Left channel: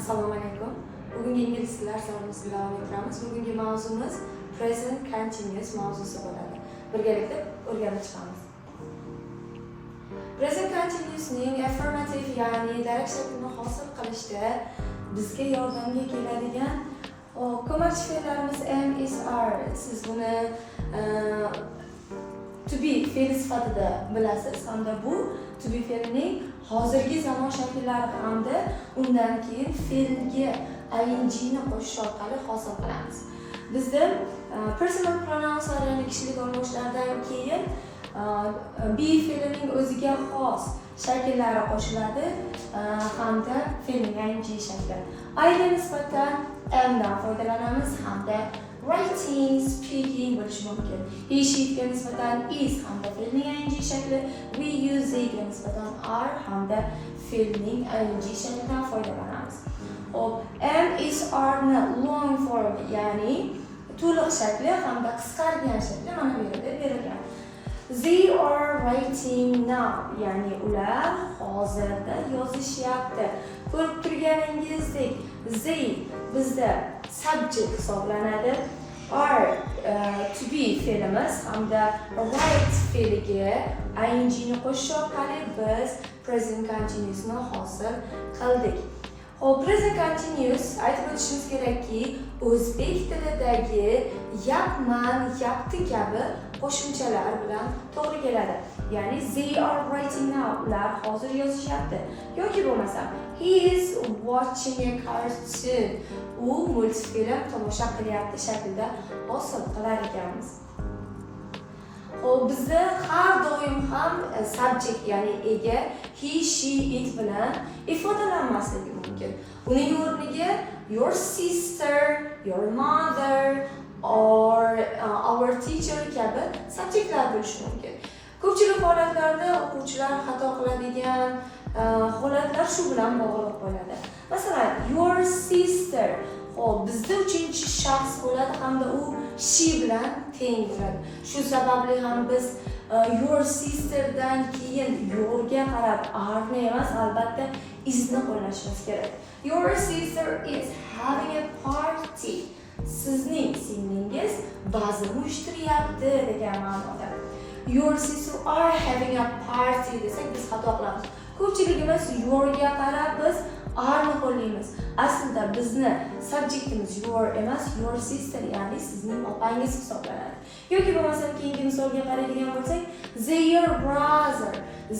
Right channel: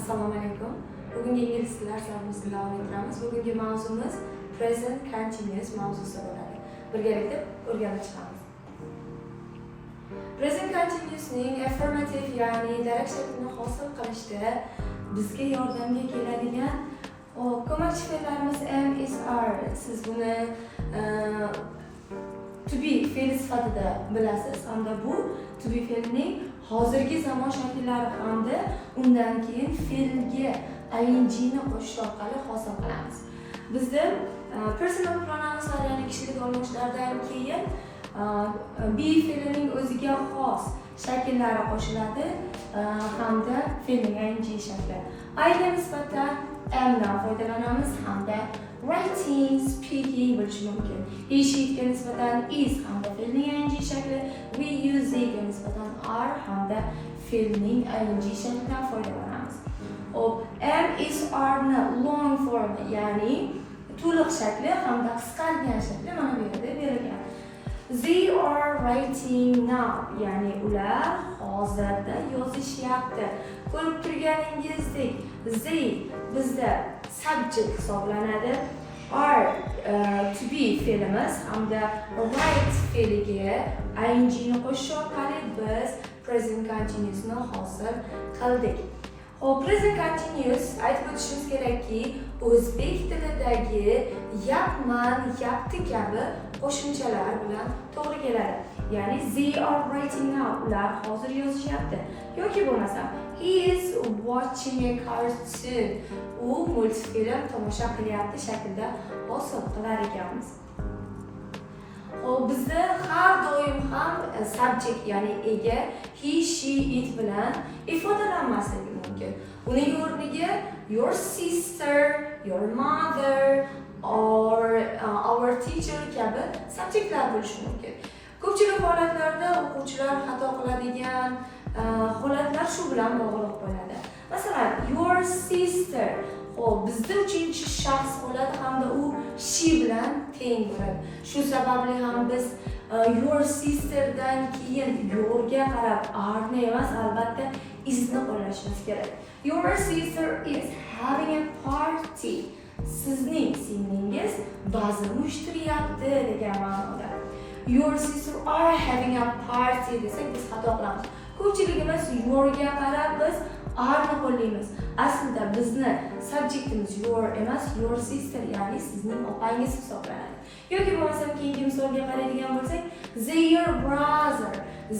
Assalomu alaykum. Bugungi ingliz tili darslarimizni davom ettiramiz. Bugungi mavzumiz present continuous mavzusi bo'ladi. Birgalikda o'rganib chiqamiz. Present continuous'ning affirmative ya'ni darak shaklini hosil qilishda bizga yordamga keladigan ko'makchi fe'llarimiz am, is, are. Siz buni to be fe'li sifatida bilasiz hamda bu to be fe'lining hozirgi zamon shakllari hamda undan keyin fe'lga ing ni qo'shish orqali hosil qilamiz. Bizda personal pronounslar ya'ni kishilik olmoshlardan keyin be fe'lining o'ziga xos shakllari qo'shiladi hamda fe'lning ing shakli. I'ga nisbatan am dan foydalanamiz hamda writing, speaking bo'lishi mumkin. He, she ga nisbatan is hamda fe'lning ing shakli, we, you, they ga nisbatan are hamda fe'lning ing shaklidan foydalanamiz. Hop, am, is, are ni long form ya'ni to'liq shakli hamda qisqargan shakli mana bu yerda berilgan. They are writing now ya'ni ular hozirda yozishyapti. Ko'rib turganingizdek, they bizda subject hisoblanadi. Are to be fe'limiz hamda write fe'liga ing ni qo'shish orqali biz present continuous ni hosil qildik. Present continuous aytib o'tishimiz kerakki, o'zbek tilidagi yapman, yapti kabi qo'shimchalar bilan to'g'ri keladi. Ya'ni they are writing now, ular hozir yozishyapti. Yoki bo'lmasa he is watching a cartoon, u multfilm tomosha qilyapti shaklida hosil qilar ekanmiz. Bizda har doim ham subject ya'ni ega he, she, it bilan ifodalanmasligi mumkin. Uning o'rniga your sister, your mother or our teacher kabi subjektlar bo'lishi mumkin. Ko'pchilik holatlarda o'quvchilar xato qiladigan holatlar shu bilan bog'liq bo'ladi. Masalan, your sister bizda uchinchi shaxs bo'ladi hamda u she bilan teng bo'ladi. Shu sababli ham biz your sister dan keyin yourga qarab are ni emas, albatta is ni qo'llashimiz kerak. Your sister is having a party. Sizning singlingiz bazm uyushtiryapti degan ma'noda. Your sister are having a party desak biz xato qilamiz. Ko'pchiligimiz yourga qarab biz are ni qo'llaymiz. Aslida bizni subjektimiz your emas, your sister ya'ni sizning opangiz hisoblanadi. Yoki bo'lmasa keyingi misolga qaraydigan bo'lsak,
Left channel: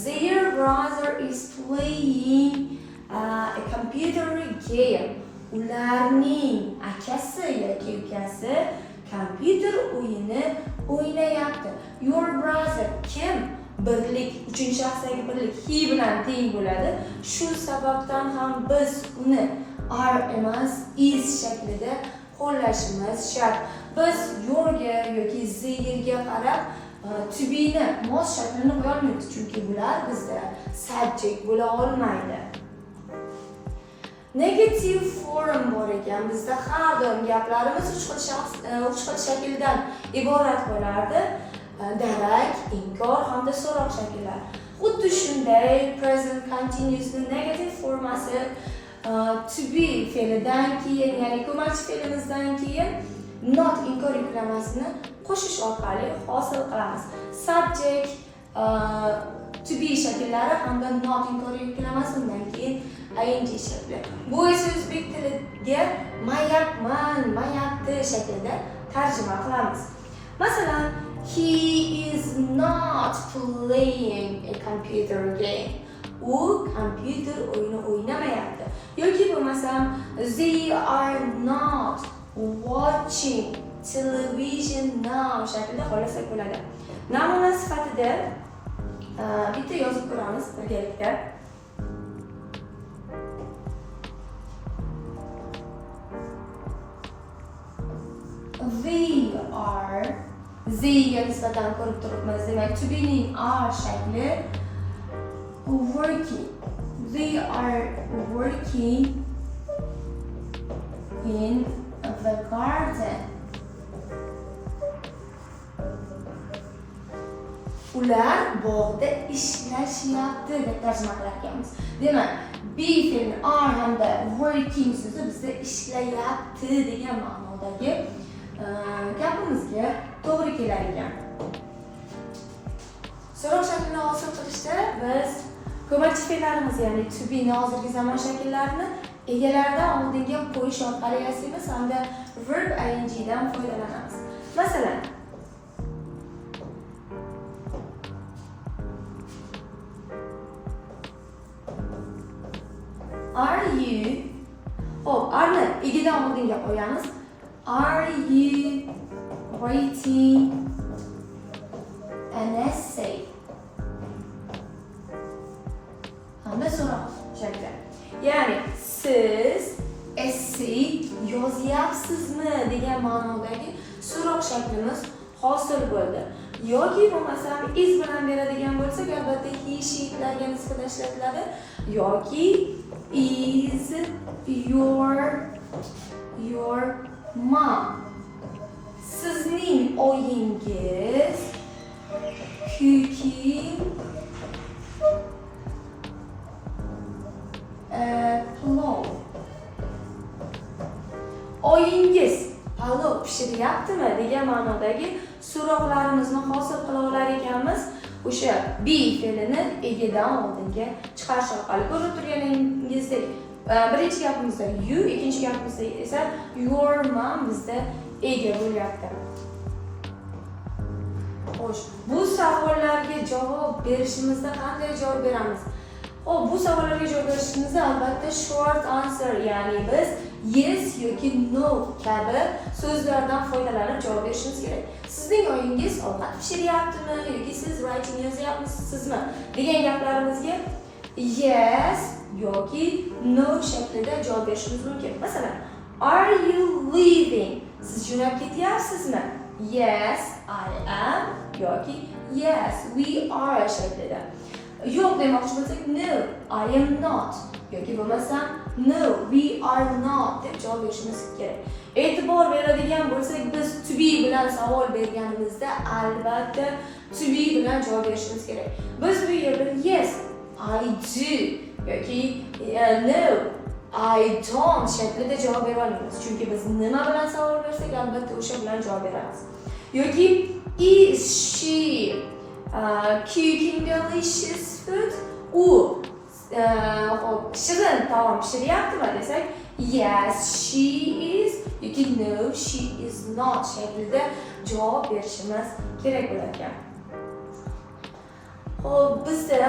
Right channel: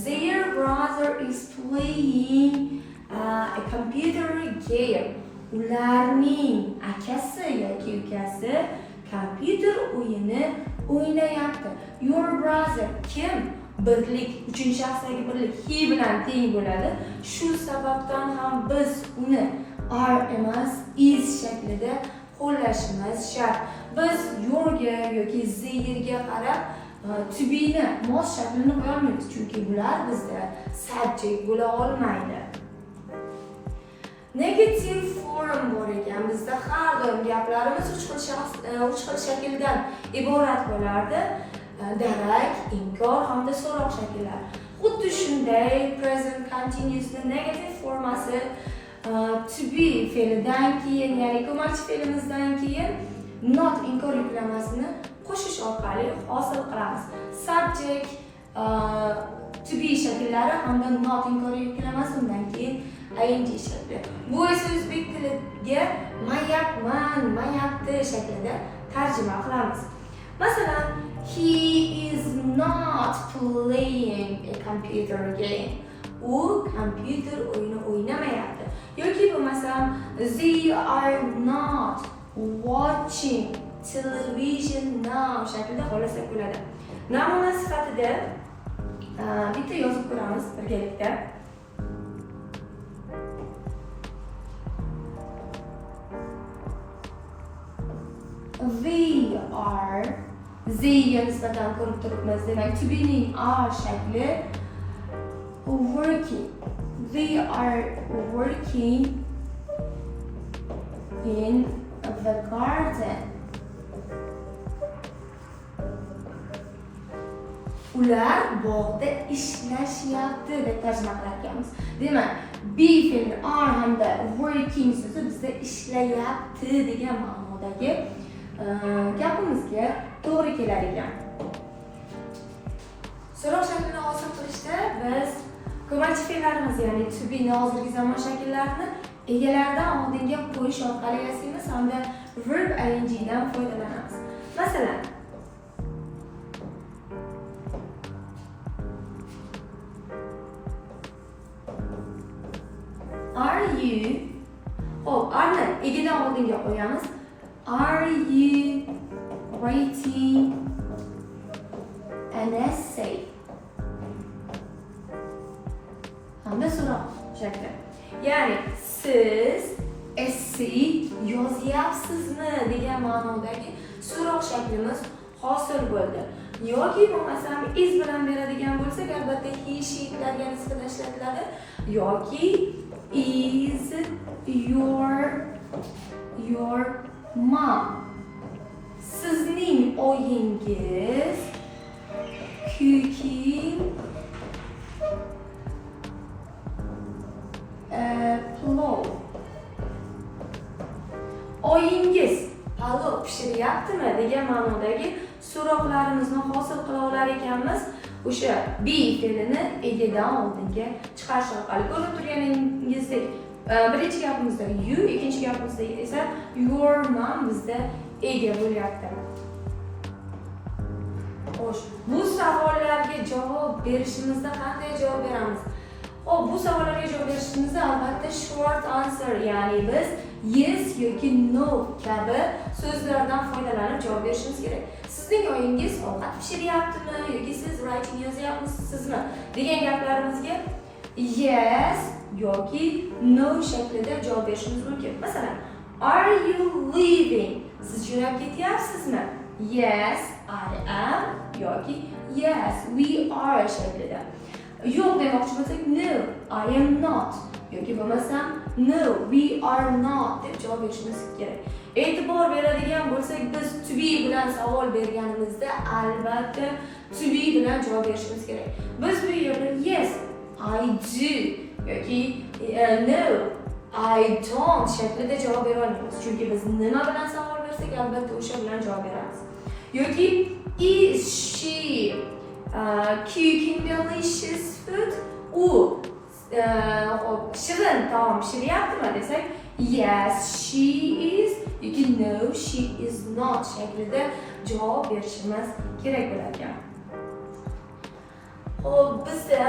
their brother is playing a computer game. Ularning akasi yoki ukasi kompyuter o'yini o'ynayapti. Your brother kim? Birlik, uchinchi shaxsdagi birlik he bilan teng bo'ladi. Shu sababdan ham biz uni are emas is shaklida qo'llashimiz shart. Biz yourga yoki theirga qarab to be ni mos shaklini qo'yolmaymiz, chunki bular bizda subject bo'la olmaydi. Negative form bor ekan. Bizda har doim gaplarimiz uch xil shakldan iborat bo'lardi. Darak, inkor hamda so'roq shakllar. Xuddi shunday present continuous ni negative formasi to be fe'lidan keyin, ya'ni ko'makchi fe'limizdan keyin not inkor yuklamasini qo'shish orqali hosil qilamiz. Subject to be shakllari hamda not inkor yuklamasi undan keyin ing shakli. Bu esa o'zbek tiliga mayapman, mayapti shaklida tarjima qilamiz. Masalan, he is not playing a computer game. U kompyuter o'yini o'ynamayapti. Yoki bo'lmasam they are not watching television now shaklida qo'llasak bo'ladi. Namuna sifatida bitta yozib ko'ramiz birgalikda. They ga nisbatan ko'rib turibmiz. Demak, to be ning are shakli working. They are working in the garden. ular bog'da ishlashyapti deb tarjima qilar ekanmiz. Demak, be fe'li are hamda working so'zi bizda ishlayapti degan ma'nodagi gapimizga to'g'ri kelar ekan. So'roq shaklini hosil qilishda biz ko'makchi fe'llarimiz, ya'ni to be ni hozirgi zamon shakllarini egalaridan oldinga qo'yish orqali yasaymiz hamda verb ing dan foydalanamiz. Masalan, are you, are ni egadan oldinga qo'yamiz. Are you writing an essay? Hamda so'roq shakli. Ya'ni siz essay yozyapsizmi degan ma'nodagi so'roq shaklimiz hosil bo'ldi. Yoki bo'lmasam is bilan beradigan bo'lsak, albatta he, she'larga nisbatan ishlatiladi. Yoki is your mom. Sizning oyingiz cooking palov. Oyingiz palov pishiryaptimi degan ma'nodagi so'roqlarimizni hosil qila olar ekanmiz. O'sha be fe'lini egadan oldinga chiqarish orqali. Ko'rib turganingizdek, birinchi gapimizda you, ikkinchi gapimizda esa your mom bizda ega bo'lyapti. Xo'sh, bu savollarga javob berishimizda qanday javob beramiz? Bu savollarga javob berishimizda albatta short answer, ya'ni biz yes yoki no kabi so'zlardan foydalanib javob berishimiz kerak. Sizning oyingiz ovqat pishiryaptimi yoki siz writing yozyapmisizmi degan gaplarimizga yes yoki no shaklida javob berishimiz mumkin. Masalan, are you leaving? Siz jo'nab ketyapsizmi? Yes, I am yoki yes, we are shaklida. Yo'q demoqchi bo'lsak, no, I am not yoki bo'lmasam no, we are not deb javob berishimiz kerak. E'tibor beradigan bo'lsak, biz to be bilan savol berganimizda albatta to be bilan javob berishimiz kerak. Biz bu yerda yes, I do yoki no, I don't shaklida javob bera olmaymiz. Chunki biz nima bilan savol bersak, albatta o'sha bilan javob beramiz. Yoki is she cooking delicious food? U shirin taom pishiryaptimi desak, yes, she is yoki no, she is not shaklida javob berishimiz kerak bo'lar ekan. Xo'p, bizda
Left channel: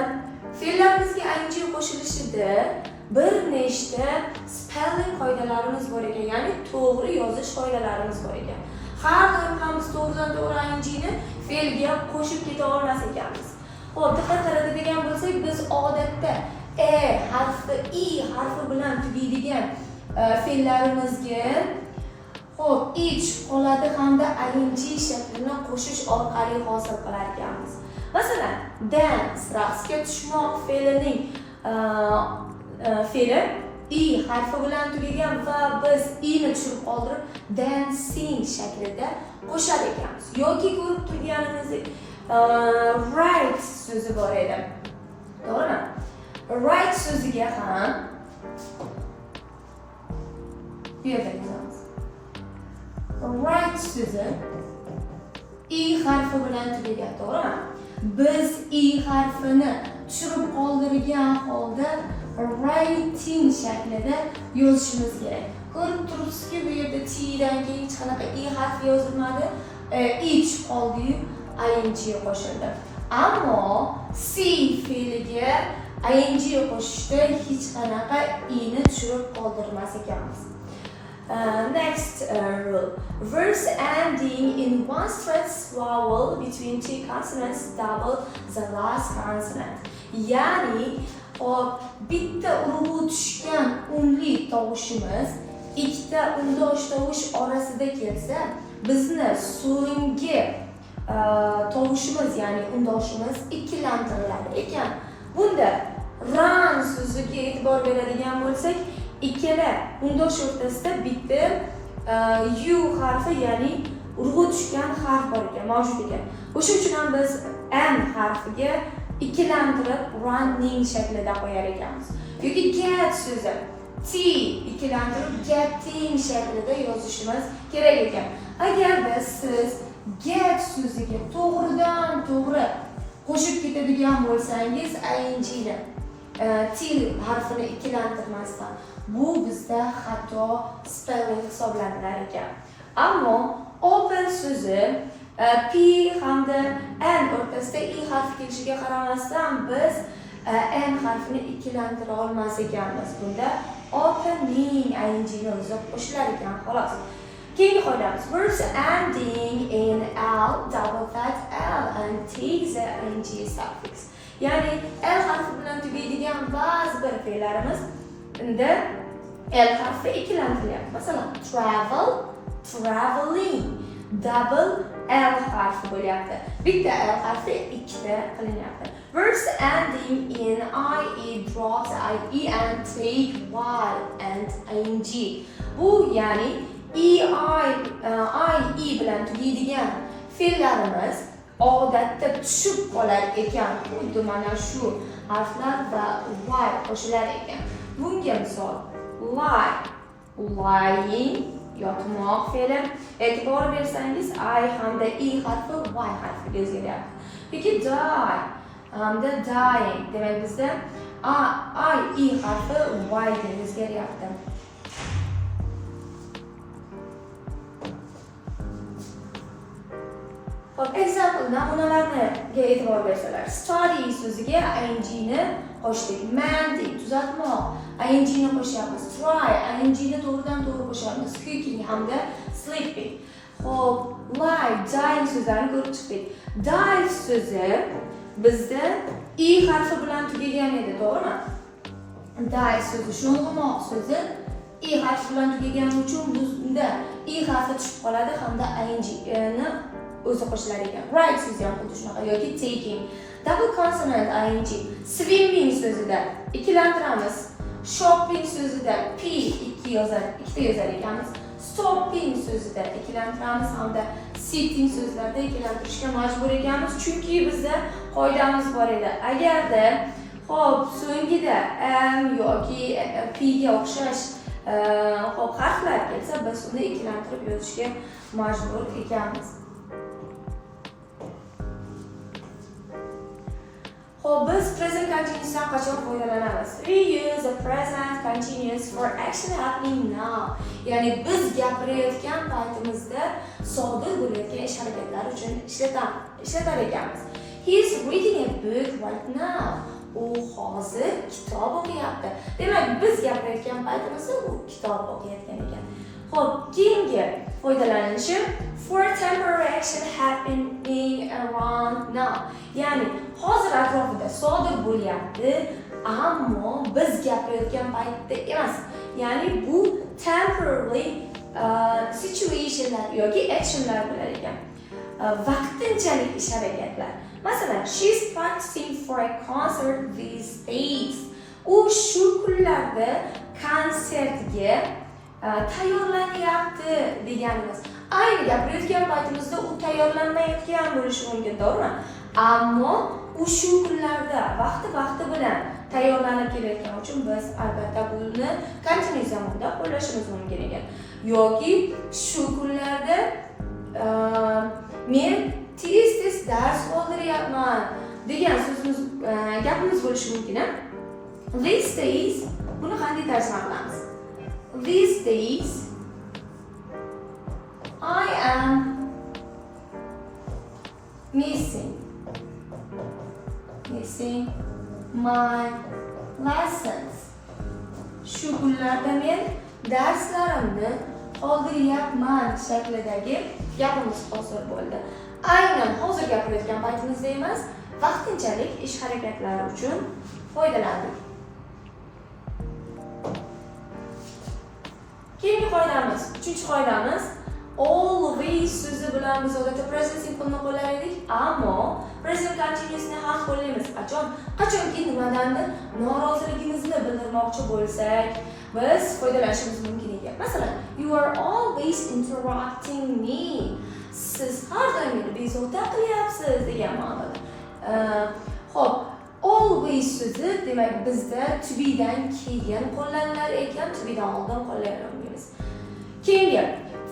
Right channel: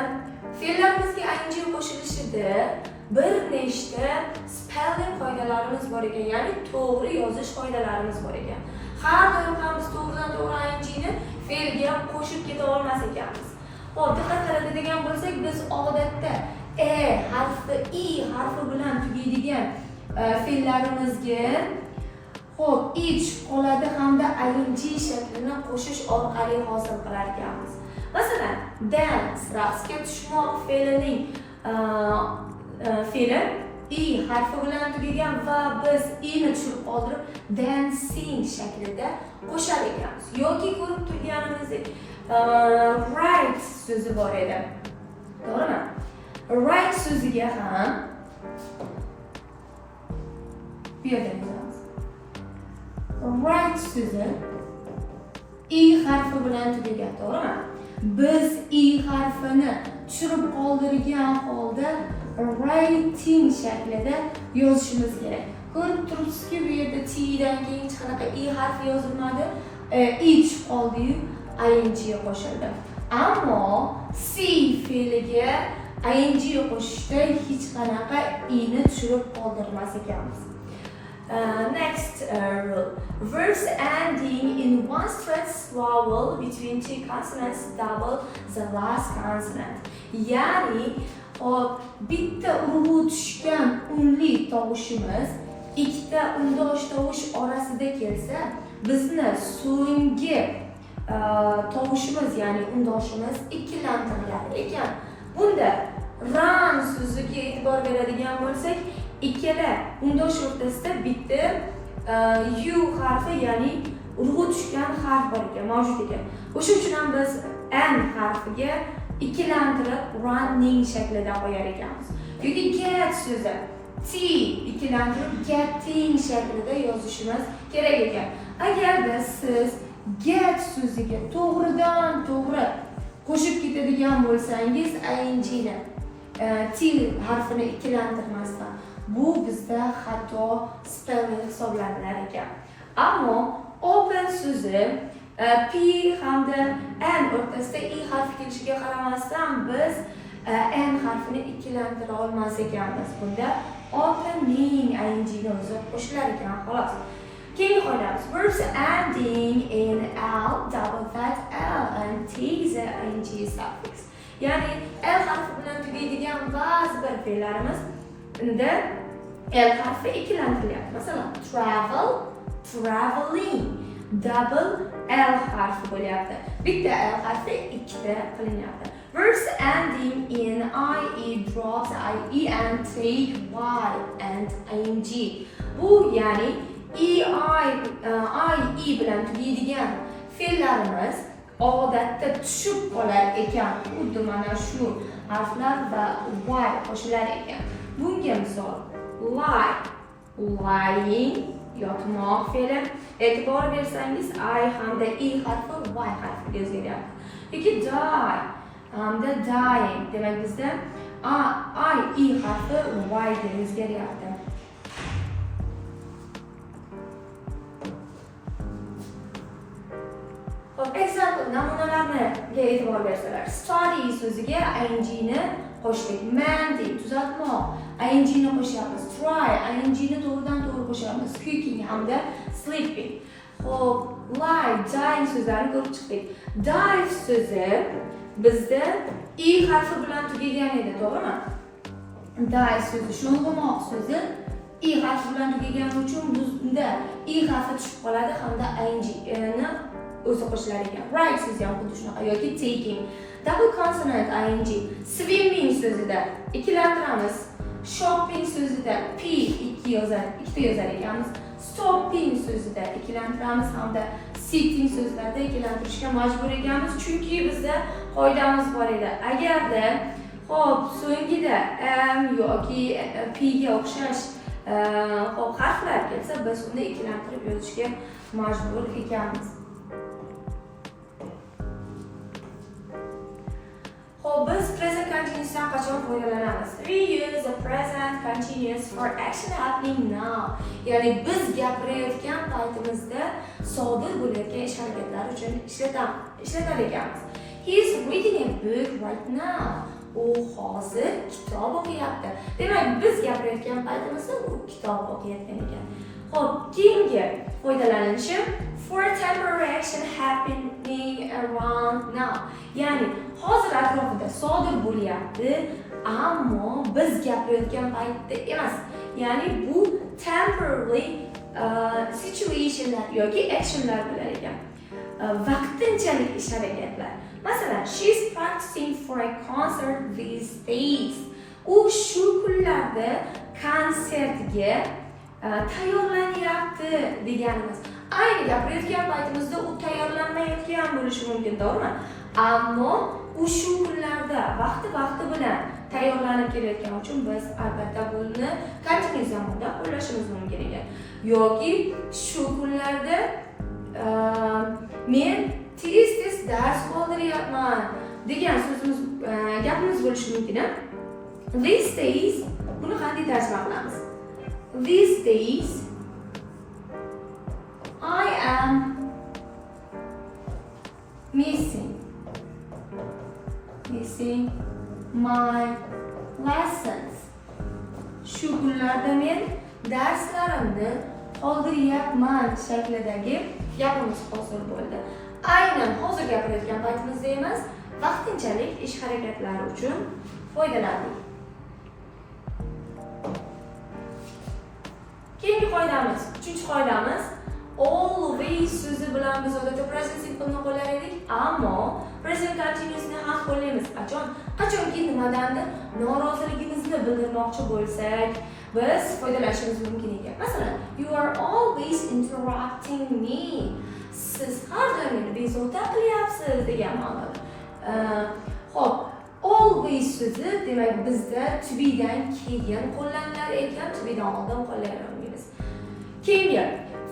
fe'llarimizga ing qo'shilishida bir nechta spelling qoidalarimiz bor ekan, ya'ni to'g'ri yozish qoidalarimiz bor ekan. Har doim ham biz to'g'ridan-to'g'ri ingni fe'lga qo'shib keta olmas ekanmiz. Xo'p, diqqat qaratadigan bo'lsak, biz odatda harfi, i harfi bilan tugaydigan fe'llarimizga ich qoladi hamda ing shaklini qo'shish orqali hosil qilar ekanmiz. Masalan, dance, raqsga tushmoq fe'lining fe'li i harfi bilan tugagan va biz i'ni tushirib qoldirib dancing shaklida qo'shar ekanmiz. Yoki ko'rib turganimizdek write so'zi bor edi. To'g'rimi? Write so'ziga ham bu yerda yozamiz. Write so'zi i harfi bilan tugagan, to'g'rimi? Biz i harfini tushirib qoldirgan holda writing shaklida yozishimiz kerak. Ko'rib turibsizki, bu yerda t dan keyin hech qanaqa i harfi yozilmadi, i tushib qoldi-yu ing qo'shildi. Ammo see fe'liga ing qo'shishda hech qanaqa i'ni tushirib qoldirmas ekanmiz. Next rule. Verbs ending in one stressed vowel between two consonants double the last consonant. Ya'ni bitta urg'u tushgan unli tovushimiz ikkita undosh tovush orasida kelsa, bizni so'nggi tovushimiz, ya'ni undoshimiz ikkilantiriladi ekan. Bunda run so'ziga e'tibor beradigan bo'lsak, ikkala undosh o'rtasida bitta u harfi, ya'ni urg'u tushgan harf bor ekan, mavjud ekan. O'sha uchun ham biz n harfiga ikkilantirib running shaklida qo'yar ekanmiz. Yoki get so'zi t ikkilantirib getting shaklida yozishimiz kerak ekan. Agarda siz get so'ziga to'g'ridan to'g'ri qo'shib ketadigan bo'lsangiz ing ni t harfini ikkilantirmasdan bu bizda xato spelling hisoblanilar ekan. Ammo open so'zi p hamda n o'rtasida i harfi kelishiga qaramasdan biz n harfini ikkilantira olmas ekanmiz. Bunda opening ing ni o'zi qo'shilar ekan xolos. Keyingi qoidamiz verbs ending in l double fat l and t is a ing suffix. Ya'ni l harfi bilan tugaydigan ba'zi bir fe'llarimiz unda l harfi ikkilantirilyapti. Masalan, travel, traveling, double l harfi bo'lyapti. Bitta l harfi ikkita qilinyapti. Verbs ending in ie drops ie and take y and ing. Bu ya'ni ie bilan tugaydigan fe'llarimiz odatda tushib qolar ekan. Xuddi mana shu harflar va y qo'shilar ekan. Bunga misol lie, lying, yotmoq fe'li. E'tibor bersangiz I hamda i harfi y harfiga o'zgaryapti. Yoki die hamda dying. Demak bizda i harfi y ga o'zgaryapti. Example namunalarga e'tibor bersalar, study so'ziga ing ni qo'shdik. Mending tuzatmoq, ing ni qo'shyapmiz. Try ing ni to'g'ridan to'g'ri qo'shyapmiz. Cooking hamda sleeping. Xo'p, lie, dying so'zlarini ko'rib chiqdik. Die so'zi bizda i harfi bilan tugagan edi, to'g'rimi? Die so'zi sho'ng'imoq so'zi i harfi bilan tugagan uchun bunda i harfi tushib qoladi hamda ing ni o'zi qo'shilar ekan. Write so'zi ham xuddi shunaqa yoki taking. Double consonant ing. Swimming so'zida ikkilantiramiz. Shopping so'zida p ikkita yozar ekanmiz. Stopping so'zida ikkilantiramiz hamda sitting so'zlarida ikkilantirishga majbur ekanmiz, chunki bizda qoidamiz bor edi. Agarda xo'p so'ngida m yoki p ga o'xshash xo'p harflar kelsa, biz uni ikkilantirib yozishga majbur ekanmiz. Biz present continuous'dan qachon foydalanamiz? We use the present continuous for action happening now. Ya'ni biz gapirayotgan paytimizda sodir bo'layotgan ish harakatlar uchun ishlatar ekanmiz. He is reading a book right now. U hozir kitob o'qiyapti. Demak, biz gapirayotgan paytimizda u kitob o'qiyotgan ekan. Xo'p, keyingi foydalanishi for temporary action happening around now. Ya'ni hozir atrofida sodir bo'lyapti, ammo biz gapirayotgan paytda emas. Ya'ni bu temporary situationlar yoki actionlar bo'lar ekan. Vaqtinchalik ish harakatlar. Masalan, she's practicing for a concert these days. U shu kunlarda konsertga tayyorlanyapti deganimiz. Ayni gapirayotgan paytimizda u tayyorlanmayotgan bo'lishi mumkin, to'g'rimi? Ammo u shu kunlarda vaqti bilan tayyorlanib kelayotgani uchun biz albatta buni continuous zamonda qo'llashimiz mumkin ekan. Yoki shu kunlarda men tez dars qoldiryapman degan so'zimiz gapimiz bo'lishi mumkin. These days buni qanday tarjima qilamiz? These days I am missing my lessons. Shu kunlarda men darslarimni qoldiryapman shaklidagi gapimiz hosil bo'ldi. Aynan hozir gapirayotgan paytimizda emas, vaqtinchalik ish harakatlari uchun foydalandik. Keyingi qoidamiz, 3-qoidamiz always so'zi bilan biz odatda present simple-ni qo'llar edik, ammo present continuous-ni ham qo'llaymiz. Qachonki nimadandir noroziligimizni bildirmoqchi bo'lsak, biz foydalanishimiz mumkin ekan. Masalan, you are always interrupting me. Siz har doim meni bezovta qilyapsiz degan ma'noda. Xo'p, always so'zi demak bizda to be'dan keyin qo'llanilar ekan, to be'dan oldin qo'llanolmaymiz. Keyingi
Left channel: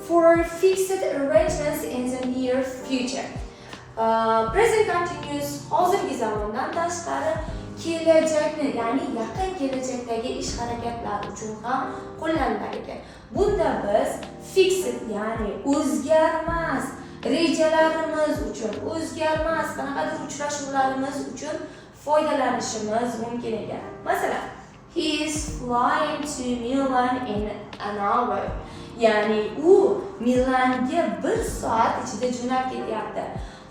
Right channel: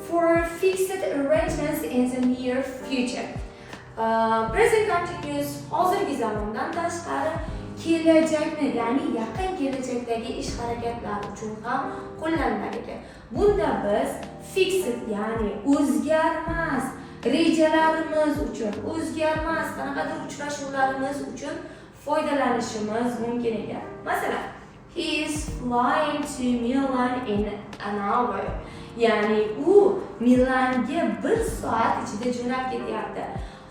for fixed arrangements in the near future. Present continuous hozirgi zamondan tashqari kelajakni, ya'ni yaqin kelajakdagi ish harakatlar uchun ham qo'llanilar ekan. Bunda biz fixed, ya'ni o'zgarmas rejalarimiz uchun, o'zgarmas qanaqadir uchrashuvlarimiz uchun foydalanishimiz mumkin ekan. Masalan, he is flying to Milan in an hour. Ya'ni u Milanga 1 soat ichida jo'nab ketyapti.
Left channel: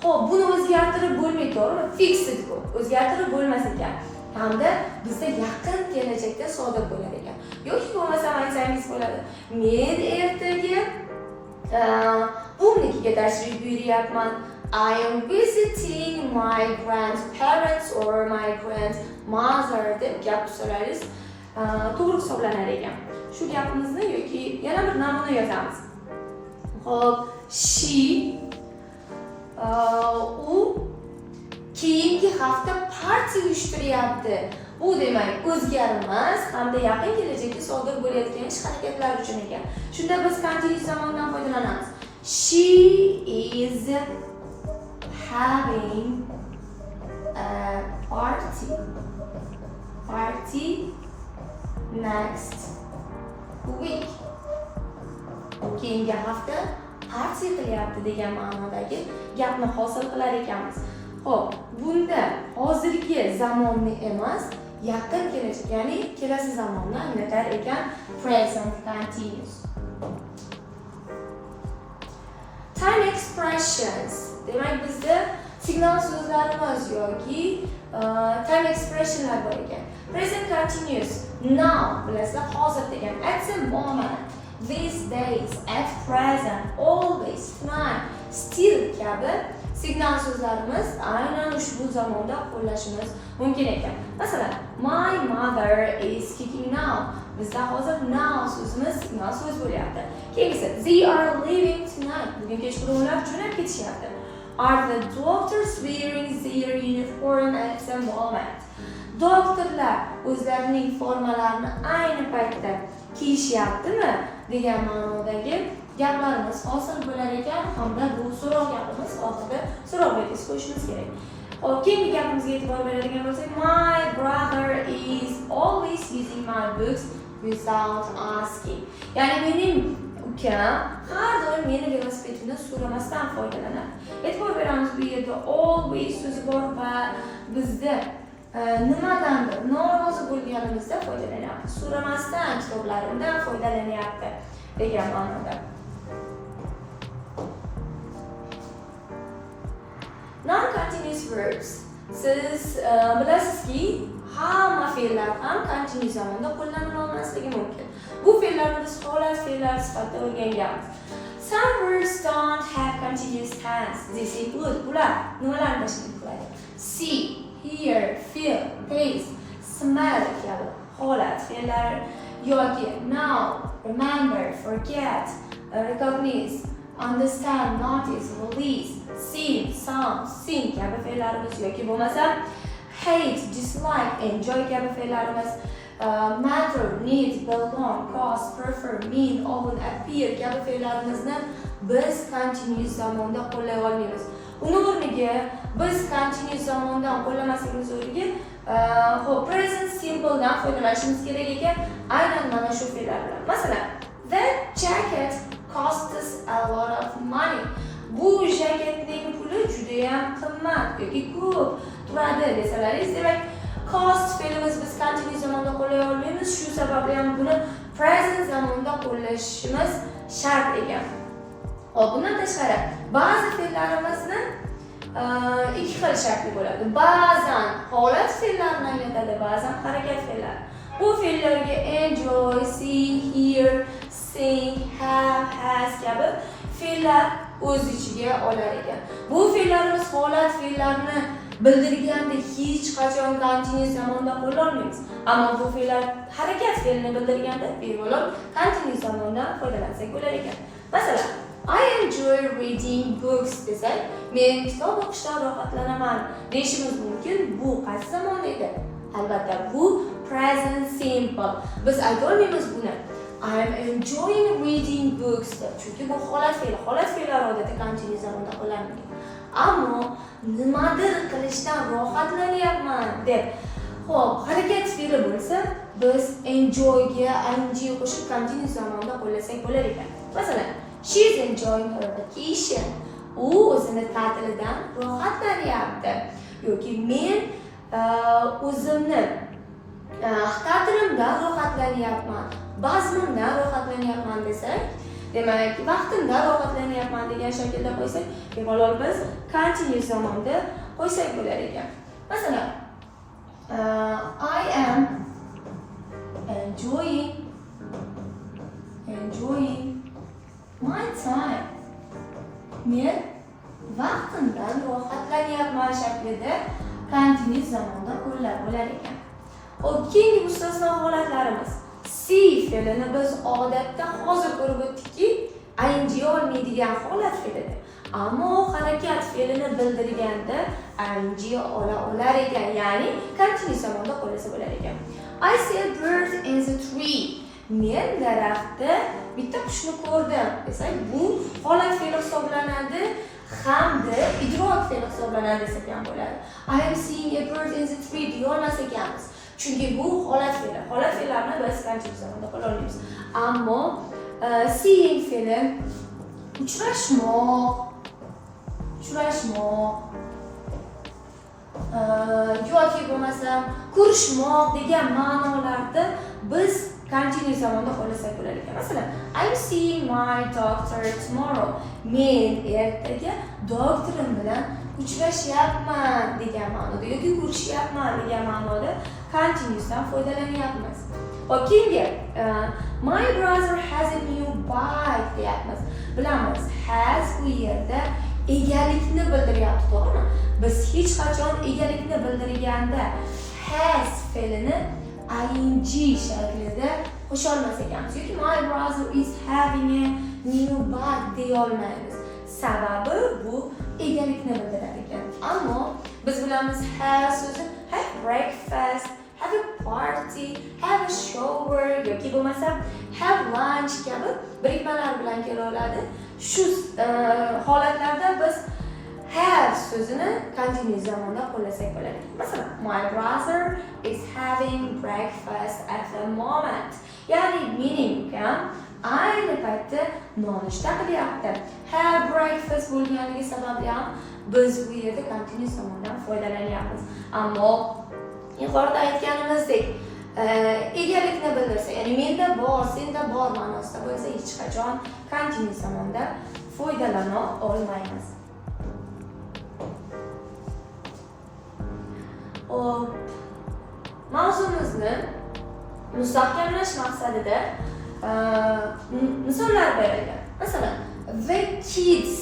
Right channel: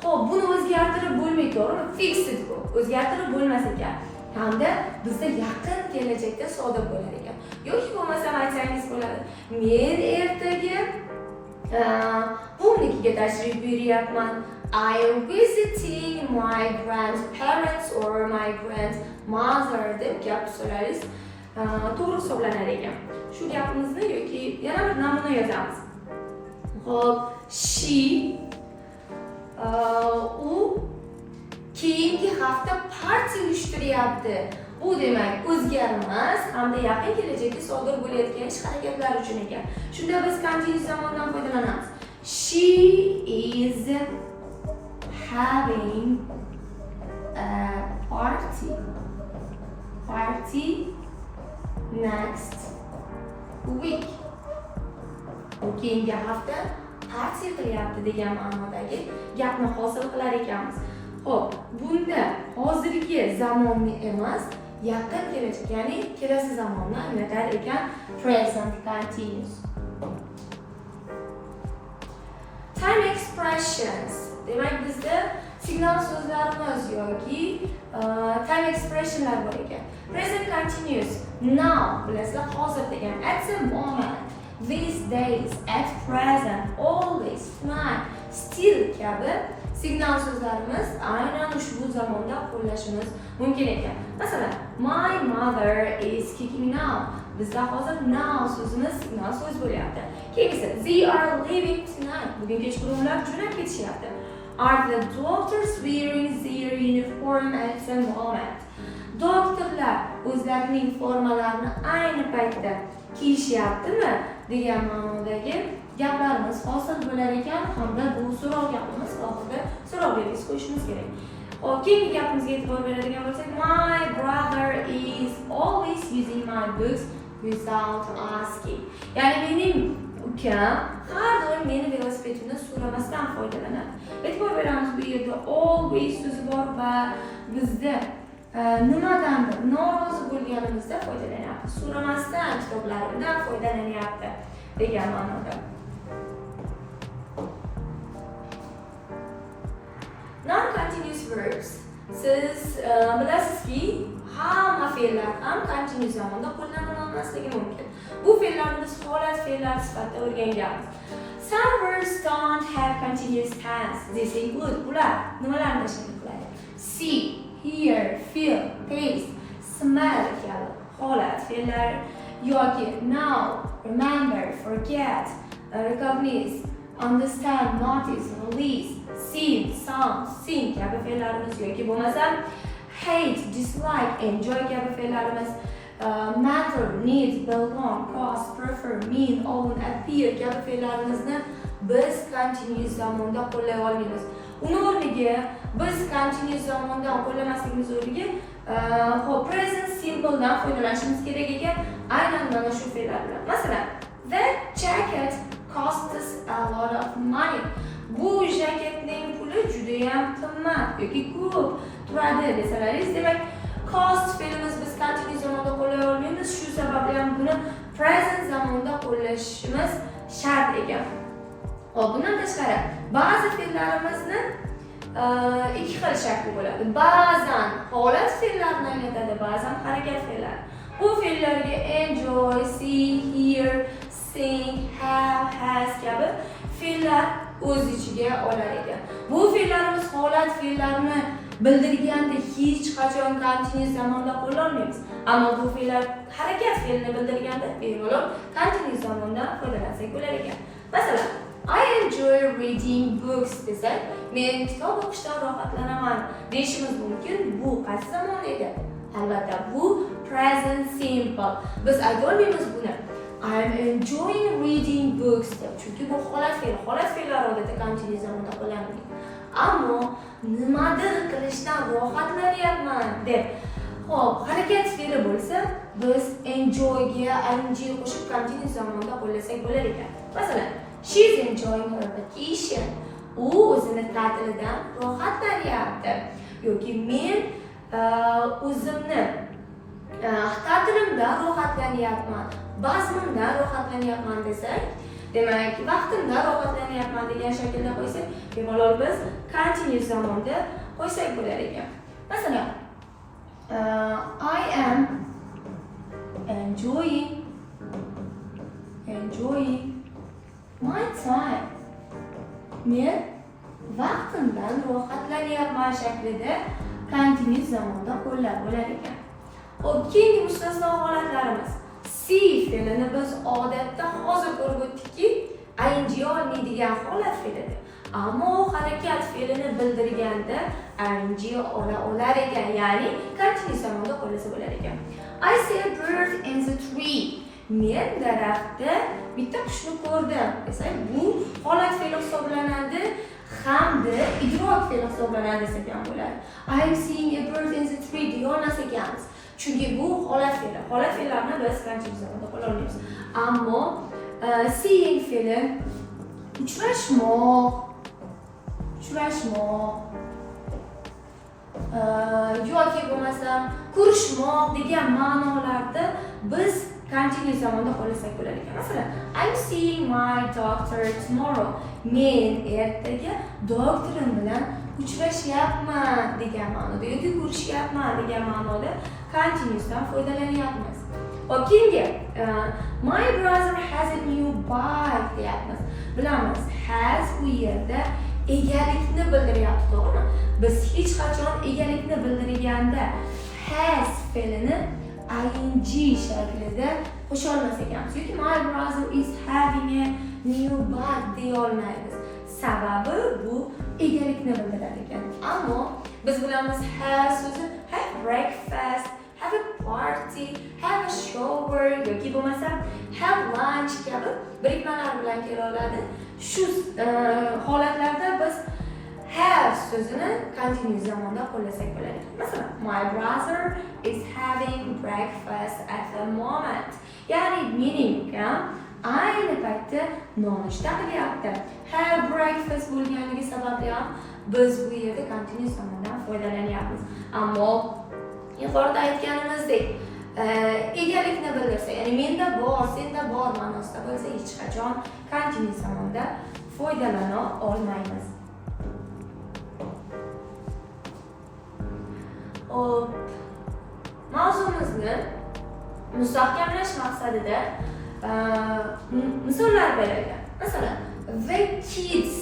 Xo'p, buni o'zgartirib bo'lmaydi, to'g'rimi? Fixed bu. O'zgartirib bo'lmas ekan. Hamda bizda yaqin kelajakda sodir bo'lar ekan. Yoki bo'lmasa aytsangiz bo'ladi. Men ertaga buvnikiga tashrif buyuryapman. I am visiting my grandparents or my grandmother deb gap so'raysiz. To'g'ri hisoblanar ekan. Shu gapimizni yoki yana bir namuna yozamiz. Xo'p, she u keyingi hafta partiya uyushtiryapti. Bu demak o'zgarmas hamda yaqin kelajakda sodir bo'layotgan ish harakatlar uchun ekan. Shunda biz qanday zamondan foydalanamiz? She is having a party next week. Keyingi hafta partiya qilyapti degan ma'nodagi gapni hosil qilar ekanmiz. Xo'p, bunda hozirgi zamonni emas, yaqin kelajak, ya'ni kelasi zamonni anglatar ekan present continuous. Time expressions. Demak, bizda signal so'zlarimiz yoki time expressionlar bor ekan. Present continuous. Now bilasizlar, hozir degan. At the moment, these days, at present, always, tonight, still kabi signal so'zlarimiz aynan ushbu zamonda qo'llashimiz mumkin ekan. Masalan, my mother is kicking now. Bizda hozir now so'zimiz signal so'z bo'lyapti. Keyingisi, they are leaving tonight. Bugun kechqurun ular jo'nab ketishyapti. Are the doctors wearing their uniform at the moment? Doktorlar o'zlarining formalarini ayni paytda kiyishyaptimi degan ma'nodagi gaplarimiz hosil bo'lar ekan, hamda bu so'roq gapimiz oxirida so'roq belgisi qo'yishimiz kerak. Keyingi gapimizga e'tibor beradigan bo'lsak, my brother is always using my books without asking. Ya'ni mening ukam har doim meni velosipedimdan so'ramasdan foydalanadi. E'tibor beramiz, bu yerda always so'zi bor va bizda nimadandir norozi bo'lganimizda foydalanyapti. So'ramasdan kitoblarimdan foydalanyapti degan ma'noda. Non-continuous verbs. Siz bilasizki, hamma fe'llar ham continuous zamonda qo'llanilmasligi mumkin. Bu fe'llarni biz holat fe'llar sifatida o'rganganmiz. Some words don't have continuous tense. Desak bo'ladi. Bular nimalarni tashkil qiladi? See, hear, feel, taste, smell kabi holat fe'llar yoki know, remember, forget, recognize, understand, notice, release, sing, sound, sing kabi fe'llarimiz yoki bo'lmasa hate, dislike, enjoy kabi fe'llarimiz, matter, need, belong, cause, prefer, mean, own, appear kabi fe'llarimizni biz continuous zamonda qo'llay olmaymiz. Uni o'rniga biz continuous zamondan qo'llamasligimiz o'rniga present simple dan foydalanishimiz kerak ekan, aynan mana shu fe'llar bilan. Masalan, that jacket costs a lot of money. Bu jaketning puli juda ham qimmat yoki ko'p turadi desalaringiz, demak cost fe'limiz biz continuous zamonda qo'llay olmaymiz. Shu sababli ham buni present zamonda qo'llashimiz shart ekan. Bundan tashqari ba'zi fe'llarimizni ikki xil shakli bo'ladi. Ba'zan holat fe'llarini anglatadi, ba'zan harakat fe'llari. Bu fe'llarga enjoy, see, hear, sing, have, has kabi fe'llar o'z ichiga olar ekan. Bu fe'llarimiz holat fe'llarini bildirganda hech qachon continuous zamonda qo'llanmaymiz. Ammo bu fe'llar harakat fe'lini bildirganda bemalol continuous zamondan foydalansak bo'lar ekan. Masalan, I enjoy reading books desak, men kitob o'qishdan rohatlanaman deyishimiz mumkin. Bu qaysi zamonda edi? Albatta, bu present simple. Biz aytolmaymiz buni. I am enjoying reading books deb. Chunki bu holat fe'l. Holat fe'llar odatda kamchilik zamonda qo'llaniladi. Ammo nimadir qilishdan rohatlanyapman deb. Xo'p, harakat fe'li bo'lsa, biz enjoy ga ing qo'shib kamchilik zamonda qo'llasak bo'lar ekan. Masalan, she is enjoying her vacation. U o'zini ta'tilidan rohatlanyapti. Yoki men o'zimni ta'tilimdan rohatlanyapman, bazmimdan rohatlanyapman desak, demak, vaqtimdan rohatlanyapman degan shaklda qo'ysak, bemalol biz continuous zamonda qo'ysak bo'lar ekan. Masalan, I am enjoying my time. Men vaqtimdan rohatlanyapman shaklida continuous zamonda qo'llab bo'lar ekan. Xo'p, keyingi mustasno holatlarimiz. See fe'lini biz odatda hozir ko'rib o'tdikki, ing olmaydigan holat fe'lidir. Ammo harakat fe'lini bildirganda ing olar ekan, ya'ni continuous zamonda qo'llasa bo'lar ekan. I see a bird in the tree. Men daraxtda bitta qushni ko'rdim desak, bu holat fe'li hisoblanadi hamda idrok fe'li hisoblanadi desak ham bo'ladi. I am seeing a bird in the tree deya olmas ekanmiz. Chunki bu holat fe'li. Holat fe'llarni biz continuous zamonda qo'lla olmaymiz. Ammo seeing fe'li uchrashmoq yoki bo'lmasam ko'rishmoq degan ma'nolarda biz continuous zamonda qo'llasak bo'lar ekan. Masalan, I'm seeing my doctor tomorrow. Men ertaga doktorim bilan uchrashyapman degan ma'noda yoki ko'rishyapman degan ma'noda continuousdan foydalanyapmiz. Keyingi my brother has a new bike deyapmiz. Bilamiz, has bu yerda egalikni bildiryapti, to'g'rimi? Biz hech qachon egalikni bildirganda has fe'lini ing shaklida qo'sha olmas ekanmiz. Yoki my brother is having a new bike deya olmaymiz. Sababi bu egalikni bildiradi ekan. Ammo biz bilamiz have so'zi have breakfast, have a party, have a shower yoki bo'lmasa have lunch kabi birikmalar bilan kela oladi. Shu holatlarda biz have so'zini continuous zamonda qo'llasak bo'ladi. Masalan, my brother is having breakfast at the moment. Ya'ni mening ukam ayni paytda nonushta qilyapti. Have breakfast bo'lganligi sababli ham biz bu yerda continuous zamondan foydalanyapmiz. Ammo yuqorida aytganimizdek, egalikni bildirsa, ya'ni menda bor, senda bor ma'nosida bo'lsa, hech qachon continuous zamonda foydalana olmaymiz. Mavzumizni mustahkamlash maqsadida misollar berilgan. Masalan, the kids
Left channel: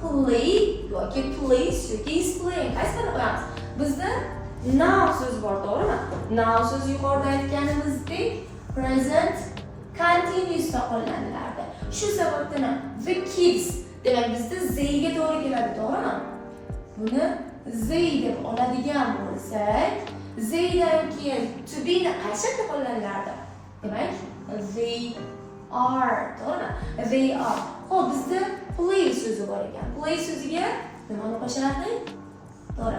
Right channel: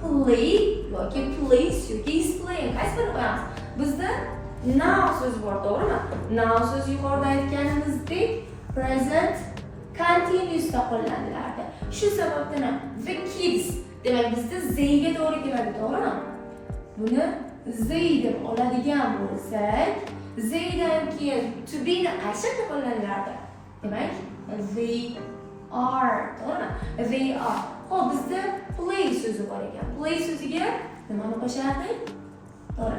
play yoki plays yoki is playing. Qaysi birini qo'yamiz? Bizda now so'zi bor, to'g'rimi? Now so'zi yuqorida aytganimizdek present continuousda qo'llanilardi. Shu sababdan the kids demak bizda zga to'g'ri keladi, to'g'rimi? Buni they deb oladigan bo'lsak, theydan keyin to be ni qaysi shaklda qo'llanilardi? Demak, they are, to'g'rimi? They are. Xo'p, bizda play so'zi bor ekan. Play so'ziga nimani qo'shamiz? To'g'ri.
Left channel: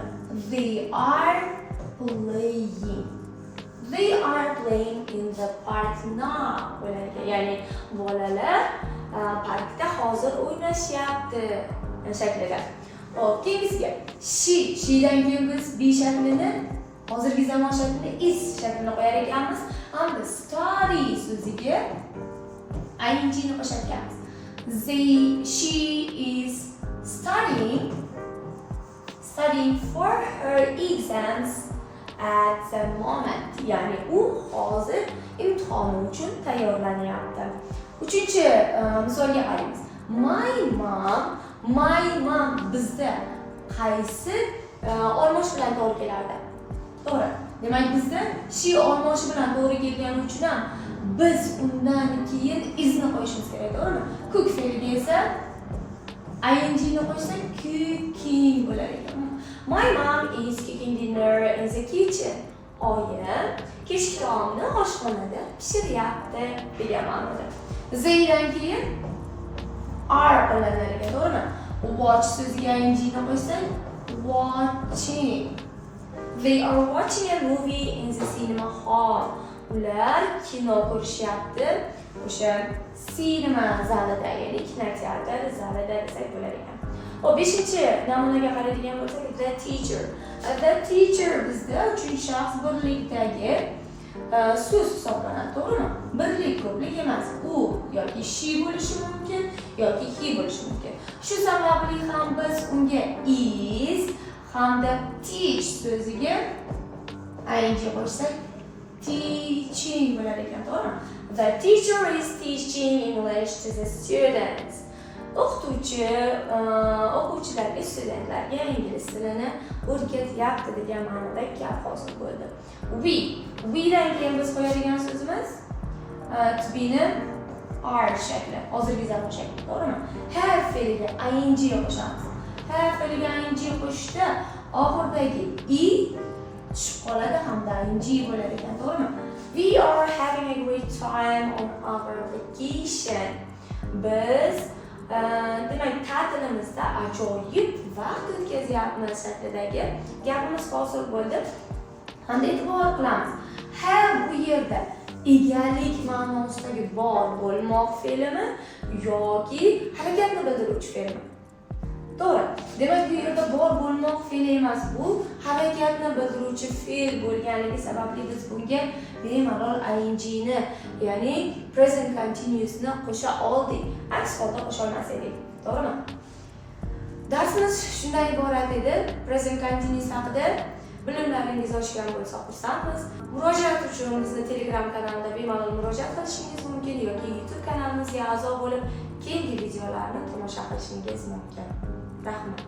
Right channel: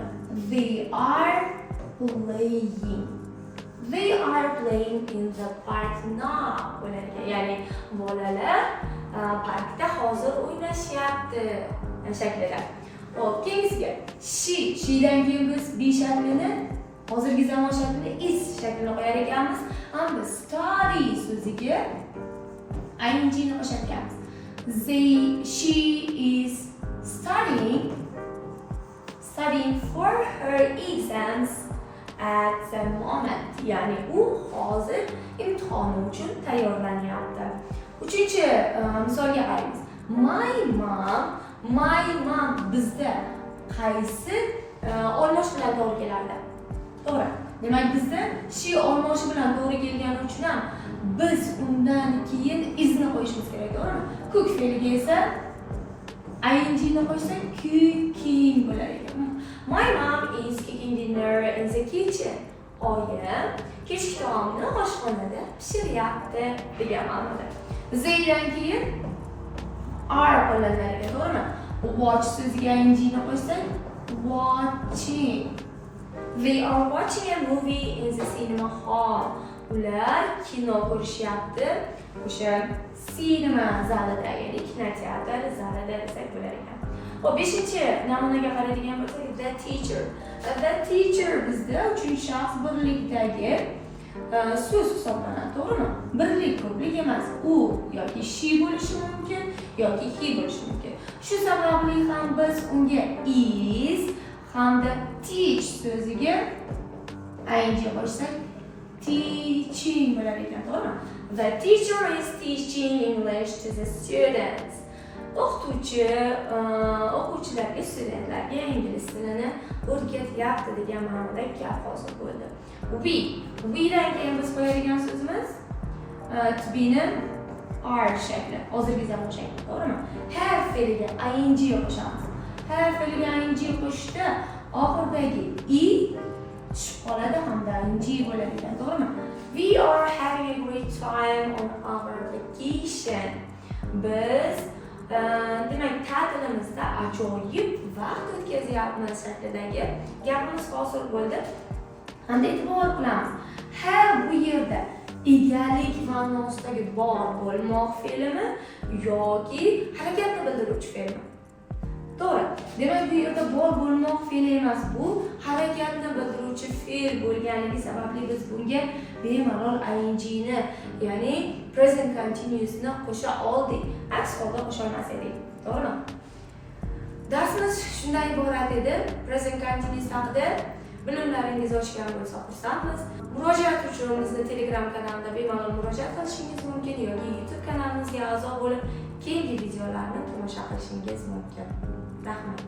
They are playing. They are playing in the park now. Ya'ni bolalar parkda hozir o'ynashyapti shaklida. Xo'p, keyingiga she'dan keyin biz be shaklini hozirgi zamon shaklida is shaklini qo'yar ekanmiz. Hamda study so'ziga ing ni qo'shar ekanmiz. She is studying for her exams at the moment. Ya'ni u hozir imtihoni uchun tayyorlanyapti. Uchinchi misolga qaraymiz. My mom bizda qaysi olmosh bilan to'g'ri kelardi? To'g'ri. Demak bizda she olmoshi bilan to'g'ri kelgani uchun ham biz undan keyin izni qo'yishimiz kerak, to'g'rimi? Cook fe'liga esa ing'ni qo'shsak cooking bo'lar ekan. My mom is cooking dinner in the kitchen. Oyim kechki taomni oshxonada pishiryapti degan ma'noda. Zdan keyin are qo'llanar ekan, to'g'rimi? Watch so'ziga ing'ni qo'shsak watching. They are watching a movie in the cinema hall. Ular kino ko'rishyapti o'sha sinema zalida, ya'ni kinoteatr zalida desak bo'lar ekan. Hop, 5-namunaga qaraydigan bo'lsak, the teacher. The teacher bizda 3-shaxs birlikdagi so'z hisoblanadi, to'g'rimi? Birlik ko'plik emas. U yoki she bo'lishi mumkin, yoki he bo'lishi mumkin. Shu sababli ham biz unga is hamda teach so'ziga ing qo'shsak teaching bo'lar ekan, to'g'rimi? The teacher is teaching English to the students. O'qituvchi o'quvchilarga, studentlarga ingliz tilini o'rgatyapti degan ma'noda gap hosil bo'ldi. We dan keyin biz qo'yadigan so'zimiz to be ni are shakli, hozirgi zamon shakli, to'g'rimi? Have fe'liga ing qo'shamiz. Have fe'liga ing qo'shishda oxirdagi i tushib qoladi hamda ing bo'lar ekan, to'g'rimi? We are having a great time on our vacation. Biz demak, ta'tilimizda ajoyib vaqt o'tkazyapmiz shaklidagi gapimiz hosil bo'ldi. Hamda e'tibor qilamiz. Have bu yerda egalik ma'nosidagi bor bo'lmoq fe'limi yoki harakatni bildiruvchi fe'lmi? To'g'ri. Demak, bu yerda bor bo'lmoq fe'li emas, bu harakatni bildiruvchi fe'l bo'lganligi sababli biz bunga bemalol ing ni, ya'ni present continuous ni qo'sha oldik. Aks holda qo'sha olmas edik. To'g'rimi? Darsimiz shundan iborat edi. Present continuous haqida bilimlaringiz oshgan bo'lsa xursandmiz. Murojaat uchun bizni Telegram kanalida bemalol murojaat qilishingiz mumkin yoki YouTube kanalimizga a'zo bo'lib, keyingi videolarni tomosha qilishingiz mumkin. Rahmat.